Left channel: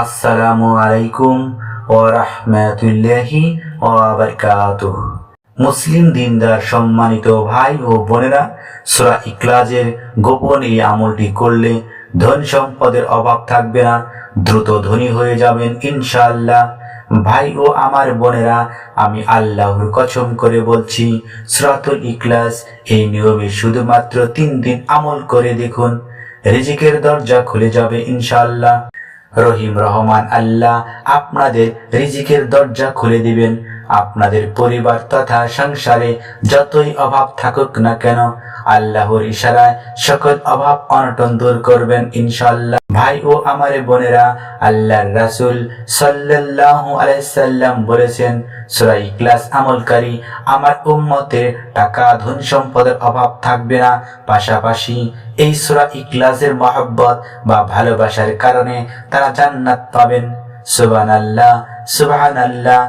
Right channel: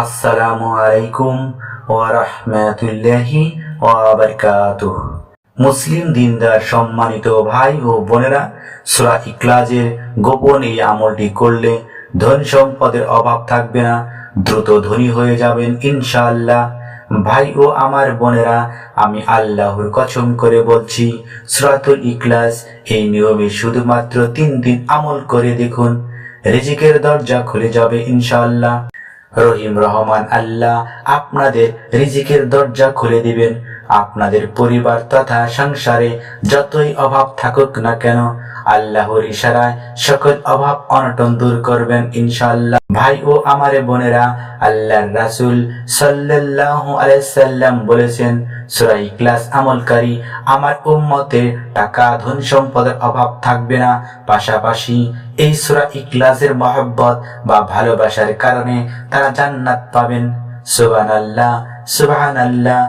আসসালামু আলাইকুম ওয়া রাহমাতুল্লাহি মুসলিম দিনদার সম্মানিত ভাই ও বোনেরা, সূরা ইখলাজের গোপন এই আমলটি করলে ধন সম্পদের অভাব থাকবে না, দ্রুত ধনী হয়ে যাবেন ইনশাআল্লাহ। ভাই ও আমার বোনেরা, আমি আল্লাহর কচম করে বলছি, সরাতুল ইকলাস এই নিয়মে শুধুমাত্র তিন দিন আমল করে দেখুন। রিজিকের দরজা খুলে যাবে ইনশাআল্লাহ। রহিম রহমান আল্লাহ আপনাদের রিজিকের দরজা খুলে দিবেন। আপনাদের পরিবার তথা সংসারে যতই অভাব থাকুক না কেন, আল্লাহর ইশারায় সকল অভাব অনটন দূর করবেন ইনশাআল্লাহ। ভাই ও আমারে বোনেরা, আল্লাহর রাসূল সাল্লাল্লাহু আলাইহি সাল্লাম বলেছেন, সূরা ইখলাস আমলকারী, আমার উম্মতের টাকা, ধন সম্পদের অভাব থাকবে না। পাশাপাশি এই সূরা ইকলাসের মহব্বত বা ভালোবাসার কারণে তারা জান্নাত পাবেন। সুবহানাল্লাহ সুবহানাল্লাহ।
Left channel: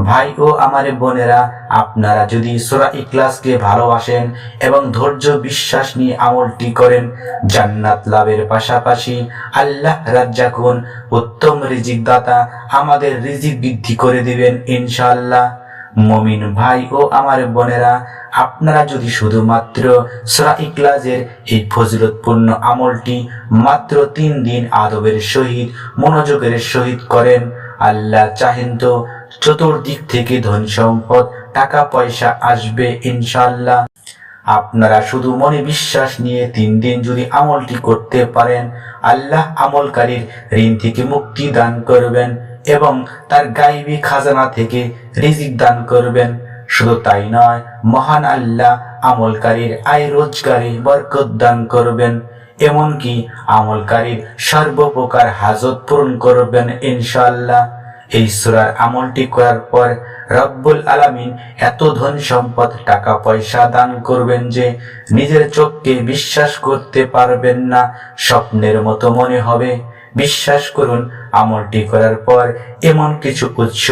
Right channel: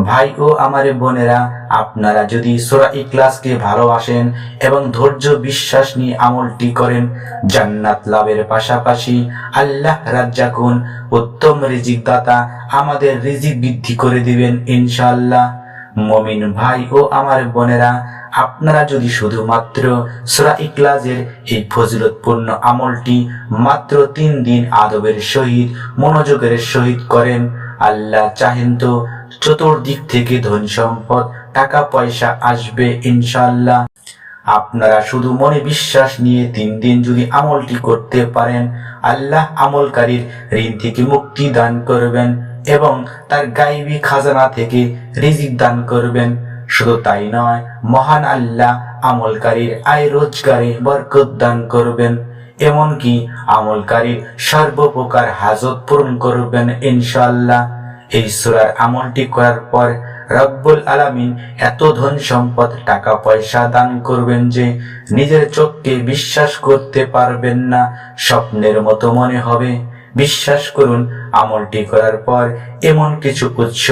ভাই ও আমার বোনেরা, আপনারা যদি সুরা ইখলাসকে ভালোবাসেন এবং ধৈর্য বিশ্বাস নিয়ে আমলটি করেন, জান্নাত লাভের পাশাপাশি আল্লাহ রাজ্জাকুন উত্তম রিজিক দাতা আমাদের রিজিক বৃদ্ধি করে দিবেন ইনশাআল্লাহ। মমিন ভাই ও আমার বোনেরা, আপনারা যদি শুধুমাত্র সুরা ইখলাসের এই ফজিলতপূর্ণ আমলটি মাত্র তিন দিন আদবের সহিত, মনোযোগের সহিত করেন, আল্লাহ চাহেন তো চতুর্দিক থেকে ধন সম্পদ টাকা পয়সা আসবে ইনশাল্লাহ আপনারা শুধু মনে বিশ্বাস নিয়ে তিন দিন যদি আমলটি করতে পারেন, আল্লাহ আমলকারীর ঋণ থেকে মুক্তি দান করবেন এবং তার গাইবী খাজানা থেকে রিজিক দান করবেন। শুধু তাই নয়, মহান আল্লাহ আমলকারীর আয় রোজগারে বরকত দান করবেন, এমনকি আমলকারীর সর্বপ্রকার হাজত পূরণ করবেন ইনশাআল্লাহ। এই সুরার আমলটি করার পর রব্বুল আলামিন এত ধন সম্পদ, টাকা পয়সা দান করবেন যে নিজের চোখকে বিশ্বাস করতে পারবেন না, স্বপ্নের মতো মনে হবে। বিশ্বাস করুন, আমলটি করার পর এমন কিছু উৎস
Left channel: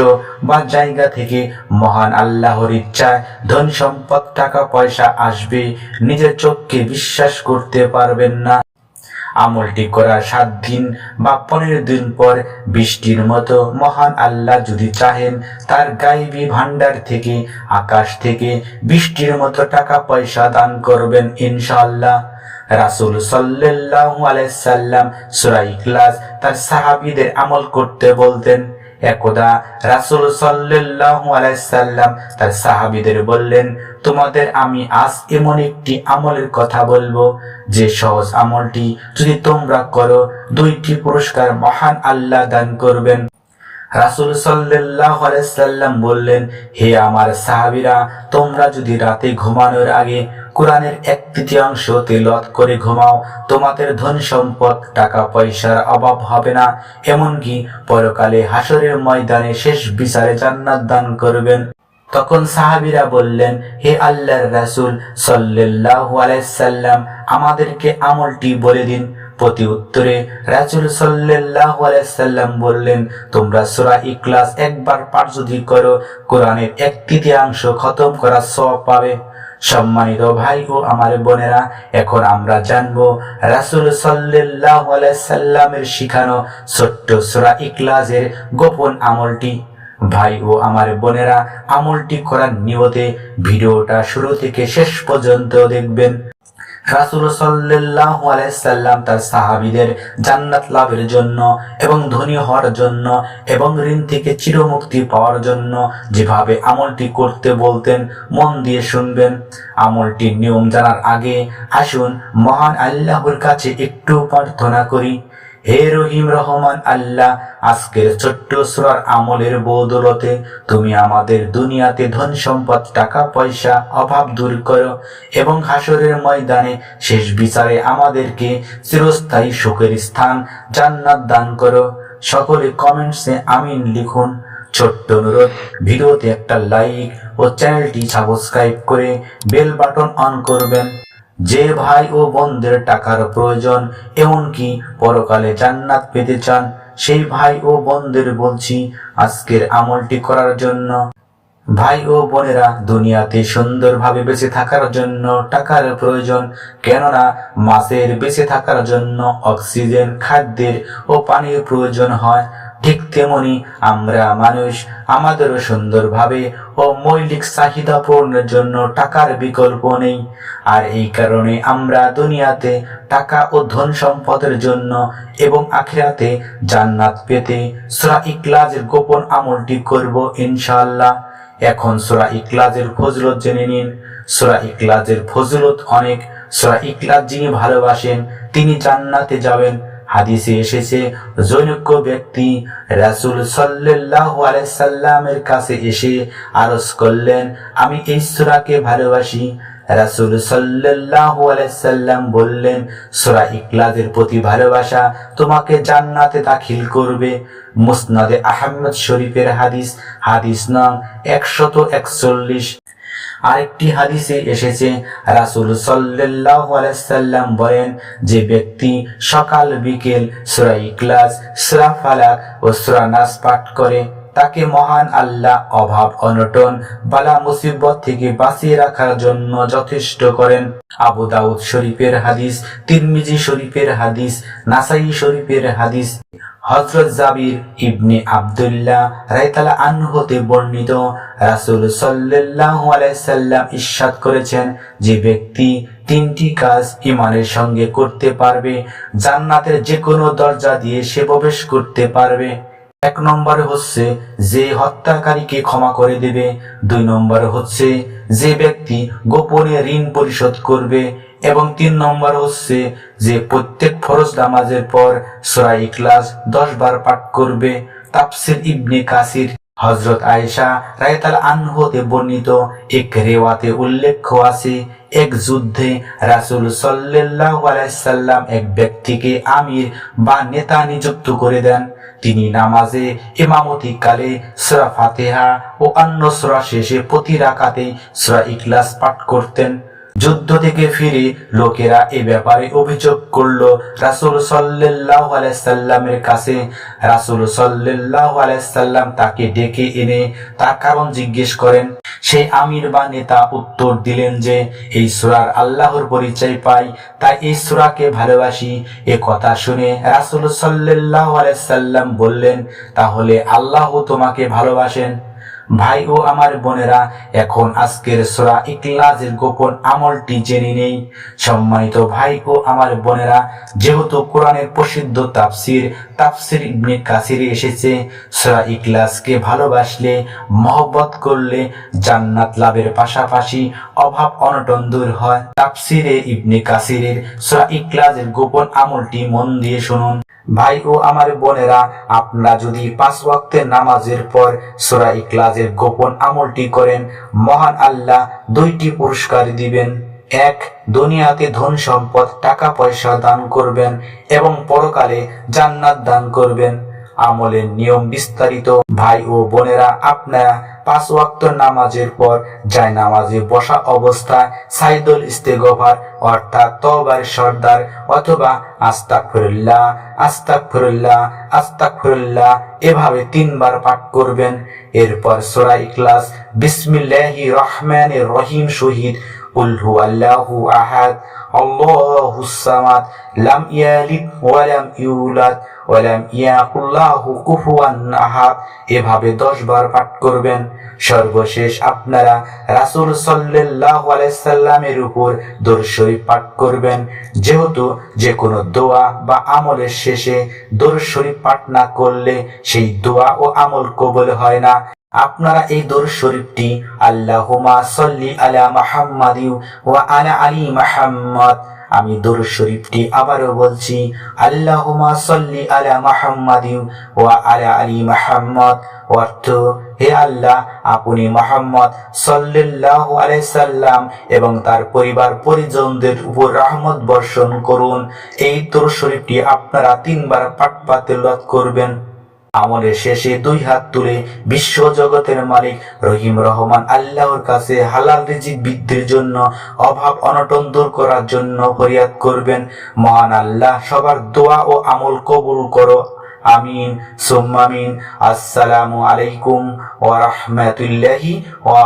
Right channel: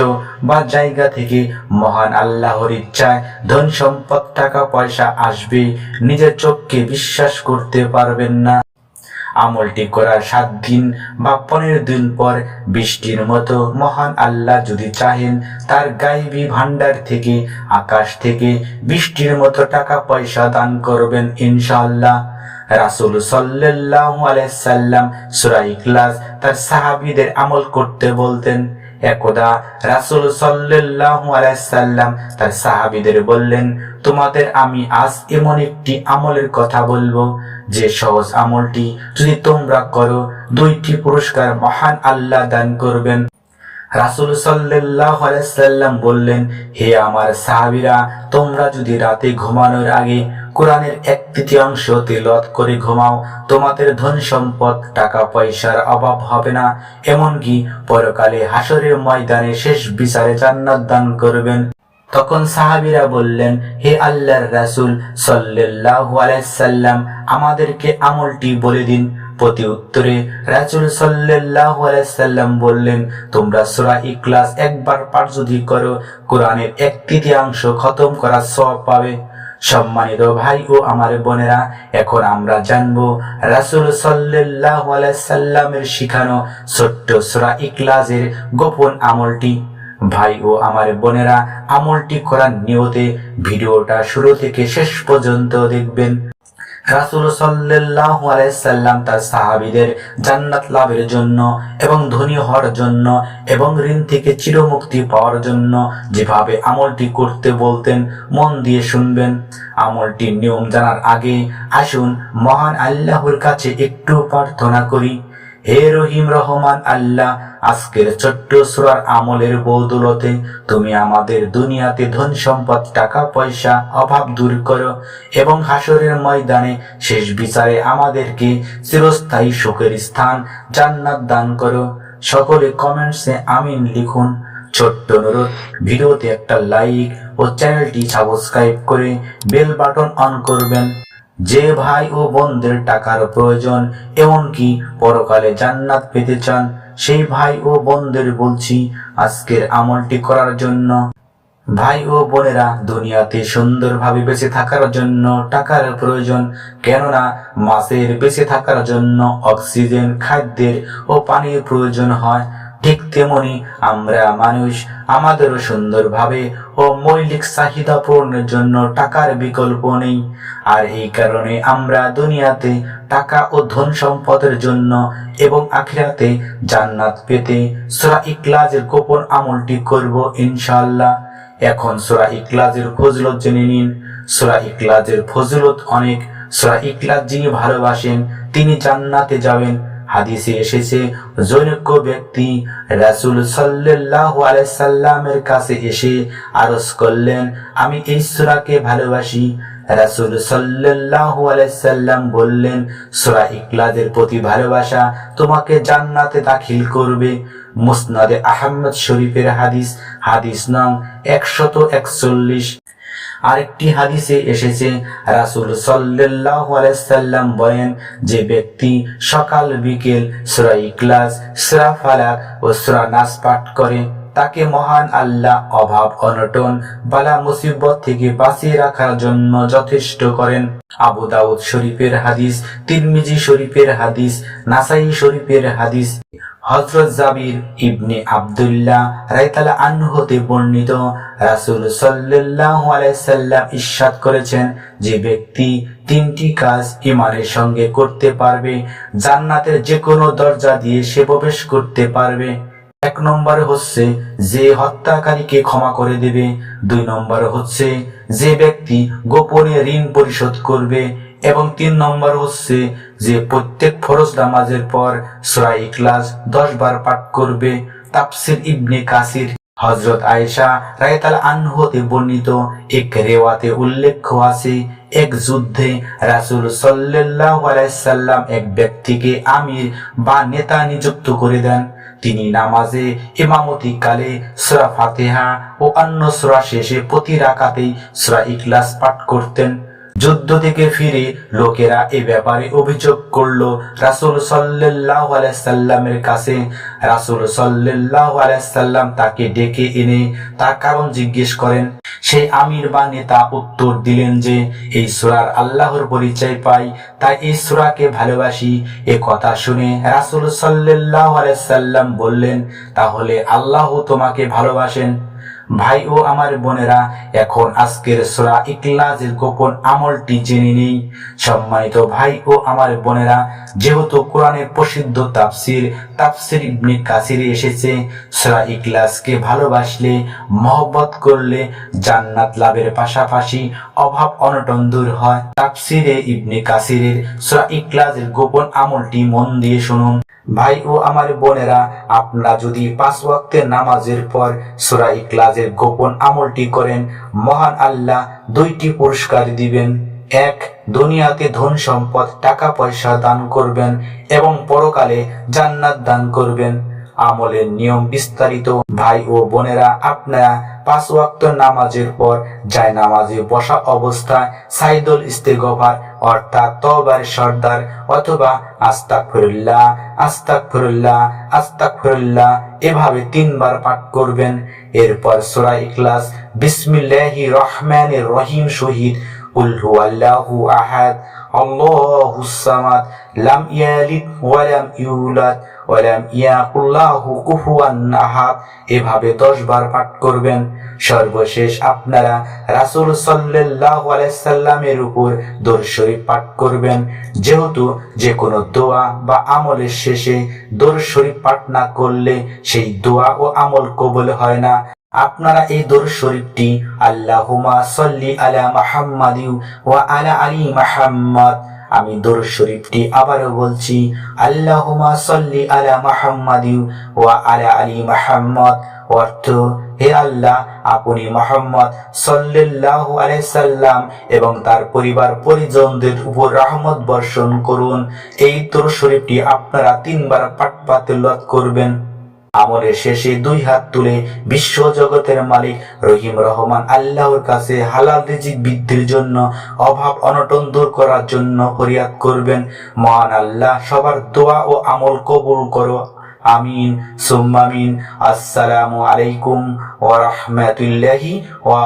বা জায়গা থেকে মহান আল্লাহর ইচ্ছায় ধন সম্পদ, টাকা পয়সা আসবে, নিজের চোখকে বিশ্বাস করতে পারবেন না। আমলটি করার সাত দিন বা পনেরো দিন পর বৃষ্টির মতো মহান আল্লাহ যদি চাহেন, তার গাইবী ভান্ডার থেকে, আকাশ থেকে বৃষ্টির মতো টাকা পয়সা দান করবেন ইনশাআল্লাহ। রাসুল সাল্লাহ আলাইসাল্লাম সুরা ক্লাস তার সাহাবিদের আমল করতে বলতেন। একদা রাসুল সাল্লাহ আলাইসাল্লাম তার সাহাবিদের বললেন তোমাদের আমি আজ এমন একটি আমলের কথা বলব, যে সহজ আমলটি যদি তোমরা করো, দুইটি পুরস্কার মহান আল্লাহ দান করবেন। রাসুল সাল্লাহ আলাইসাল্লাম বললেন, হে আমার সাহাবিরা, তোমরা যদি রাতে ঘুমানোর আগে কোরআনের এক তৃতীয়াংশ তিলত করে ঘুমাও, তোমাদের ধন সম্পদ, টাকা পয়সার অভাব হবে না। এমনকি পরকালে হাসরের ময়দানে শেষ বিচারে জান্নাত দান করবেন। তখন সাহাবিরা বললেন, হে আল্লাহর রাসুল, সাল্লাল্লাহু আলাইসাল্লাম আমাদেরকে আমলটি বলে দিন। প্রতি উত্তরে রাসুল সাল্লাহ আলাইসাল্লাম বললেন, তোমরা সুরা ইকলাস একবার পাঠ যদি করো, কোরআনের এক তৃতীয়াংশ খতম করার সব পাবে। সম্মানিত ভাই ও আমার বোনেরা, এখন আমরা জানব রাসুল সাল্লাহ আলাইসাল্লামের শিখানো ছোট্ট সুরা ইকলাসের গোপন আমলটি। ভাই ও আমার বোনেরা, আমলটি করার নিয়তে ভিডিওটা শুরু থেকে শেষ পর্যন্ত দেখবেন। রাসুল সাল্লাহ আলাইসাল্লাম তার সাহাবিদের জান্নাত লাভের জন্য এবং ধনী হওয়ার জন্য এবং ঋণ থেকে চিরমুক্তি পাওয়ার জন্য যেভাবে আমলটি করতে বলতেন, মন দিয়ে শুনবেন। আমলটির নিয়ম জানার আগে আসুন মহান আল্লাহর কাছে একটু প্রার্থনা করি। হে রহিম রহমান আল্লাহ, আজকের ছোট্ট সুরার আমলের বৌদলতে তুমি আমাদের দুনিয়াতে ধন সম্পদ, টাকা পয়সা, অভাব দূর করো এবং হাসরের ময়দানে শেষ বিচারে আমাদেরকে চিরস্থায়ী সুখের স্থান জান্নাত দান করো। সকলে কমেন্টসে আমিন লিখুন। ছোট্ট অনুরোধ, ভিডিওতে একটা লাইক ও চ্যানেলটি সাবস্ক্রাইব করে বেল বাটন অন করবেন। যে ভাই ও বোনদের টাকার প্রয়োজন, এমনকি পরকালে জান্নাত পেতে চান, সেই ভাই ও বোনদের বলছি, আজকের আমলটি করার জন্য। ভাই ও বোনেরা দুনিয়াতে সুন্দরভাবে বেঁচে থাকার জন্য টাকার প্রয়োজন, কেননা মাছের বেঁচে থাকার জন্য অক্সিজেন, খাদ্যের ও পানির প্রয়োজন হয়। ঠিক তেমনি আমরা মানুষ আমাদেরও সুন্দরভাবে ও মৌলিক চাহিদা পূরণের জন্য টাকার বিকল্প নেই। আর এই কারণে আমরা দুনিয়াতে টাকা ও ধন সম্পদের জন্য এবং আখিরাতে জান্নাত পেতে সুরা ইকলাজের গোপন আমলটি করব ইনশাল্লাহ এখন সুরা ইকলাজের ফজলত জেনে নিন। সুরা ইকলাজের ফজলত অনেক। সুরা ইকলাজ যিনি ভালোবাসেন, তিনি জান্নাতে যাবেন। হাদিসে এসেছে জৈনজ্ঞ ব্যক্তি রাসুল সাল্লাহ আলাইসাল্লামের কাছে এসে আরজ করলেন, আমি এই সুরাকে ভালোবাসি। রাসুল সাল্লাহ আলাইসাল্লাম বললেন, সুরা ইকলাদের প্রতি ভালোবাসা তোমাকে জান্নাতে দাখিল করবে। মুসনাদে আহমদ শরীফের হাদিস হাদিস নাম একশত একচল্লিশ। আরেকটি হাদিসে এসেছে, রাসুল সাল্লাহ আলাইসাল্লাম বলেন যে ব্যক্তি সকাল, বিকেল, সুরা ইকলাস সুরা ফালাক ও সুরা নাস পাঠ করে, তাকে মহান আল্লাহ অভাব, অনটন, বালা, মুসিবত থেকে বাঁচিয়ে রাখার জন্য যথেষ্ট করেন। আবু দাউদ শরীফের হাদিস, তিরমিজি শরীফের হাদিস, নাসাই শরীফের হাদিস। হজরত জাবির ইবনে আবদুল্লাহ রায়তালা আনহু হতে বর্ণিত রাসুল সাল্লাহ আলাইসাল্লাম ইস্বাদ করেছেন যে ব্যক্তি তিনটি কাজ ইমানের সঙ্গে করতে পারবে, জান্নাতের যে কোনো দরজা দিয়ে সে প্রবেশ করতে পারবে। এক নম্বরে হচ্ছে যে হত্যাকারীকে ক্ষমা করে দেবে, দুই নম্বরে হচ্ছে যে ব্যক্তি গোপনে ঋণ পরিশোধ করবে এবং তিন নম্বর হচ্ছে যে প্রত্যেক ফরজ নামাজের পর সুরা ইখলাস দশ বার পাঠ করবে তাফসির ইবনে কাসির হজরত আয়েশা রায়তাল আনহতে বর্ণিত এক রেওয়াতে উল্লেখ আছে, এক যুদ্ধে রাসুল সাল্লাহ আলাইসাল্লাম এক ব্যক্তিকে আমির বা নেতা নিযুক্ত করে দেন। তিনি নামাজে ইমামতি কালে সুরা ফাতেহা ও অন্য সুরা শেষে প্রতি রাকাতেই সুরা ইকলাস পাঠ করতেন। যুদ্ধ থেকে ফিরে লোকেরা এই ব্যাপারে অভিযোগ করল, রাসুল সাল্লাহ আলাইসাল্লামের কাছে রাসুল সাল্লাহ আলাইসাল্লাম তাকে ডেকে এনে তার কারণ জিজ্ঞেস করেন। সেই আমির বা নেতা উত্তর দিলেন যে, এই সুরার আল্লাহর পরিচয় পাই, তাই এই সুরাকে ভালোবাসি। এ কথা শুনে রাসুল সাল্লাহ আলাইসাল্লাম বললেন, তাহলে আল্লাহ তোমাকে ভালোবাসেন। ভাই ও আমার বোনেরা, এখন আজকের সোরা ইকলাজের গোপন আমলটি জেনে নেই। সম্মানিত ভাই ও আমার বোনেরা, যেহেতু কোরআনের প্রসিদ্ধ তাফসির তাফসির ইবনে কাসিরে এসেছে, সোরা ইকলাসকে ভালোবাসলে, মহব্বত করলে জান্নাত লাভের পাশাপাশি অভাব অনটন দূর হয়। তাফসিরে ইবনে কাসিরের সোরা ইকলাজের গোপন আমলটি মন দিয়ে শুনুন। ভাই ও আমার বোনেরা, আপনারা যদি পাঁচ ওয়াক্তের নামাজের পর সুরা ইকলাজের গোপন আমলটি করেন, মহান আল্লাহ দুইটি পুরস্কার দিবেন। এক, দুনিয়াতে ধন সম্পদ, টাকা পয়সা দান করবেন এবং পরকালে জান্নাত দান করবেন। আমলের নিয়ম বিস্তারিত। ভাই ও বোনেরা, আপনারা পাঁচ ওয়াক্ত নামাজের পর যায় নামাজে বসা অবস্থায় সাইদুল ইস্তেগফার, অর্থাৎ তবার সর্দার অথবা আস্তাক ফিরুল্লাহ আস্তাক ফিরুল্লাহ আস্তাক ফিরুল্লাহ এভাবে তিনবার পাঠ করবেন। এরপর সুরা ইখলাস বিসমিল্লাহি রহমানির রহিম শহীদ قل هو الله أحد الله الصمد لم يلد ولم يولد ওয়ালাম ইয়াকুল্লাহু কুফুয়ান আহাদ এভাবে দশ বার পাঠ করবেন সর্বশেষ আপনারা রাসূল সাল্লাল্লাহু আলাইহি সাল্লামের উপর দরুদ শরীফ পাঠ করবেন যেহেতু যে কোনো দোয়া বা আমলের শেষে দরুদ শরীফ পাঠ না করলে সেই দোয়া ও আমল কবুল হয় না আপনারা এই দরুদ শরীফটি আল্লাহুমা সাল্লি আলা মুহাম্মাদিউ ওয়া আলা আলি মুহাম্মদ। আমি দরুদ শরীফটি আবারও বলছি আল্লাহুমা সল্লি আলা মুহাম্মাদিউ ওয়া আলা আলী মুহাম্মদ। অর্থ, হে আল্লাহ, আপনি মোহাম্মদ সাল্লাল্লাহু আলাইসাল্লাম এবং তার পরিবার পরিজনদের উপর রহমত বর্ষণ করুন। এই দরুদ শরীফটি আপনারা তিনবার পাতিলত করবেন। আমলের শেষে দুই হাত তুলে বিশ্ব জগতের মালিক রহিম রহমান আল্লাহর কাছে হালাল রিজিক বৃদ্ধির জন্য, অভাব অনটন দূর করার জন্য ফরিয়াদ করবেন। মহান আল্লাহ, সবার দোয়া ও আমল কবুল করো। আমিন। সুম্মামিন আসসালামু আলাইকুম ওয়া রাহমাতুল্লাহি ওয়া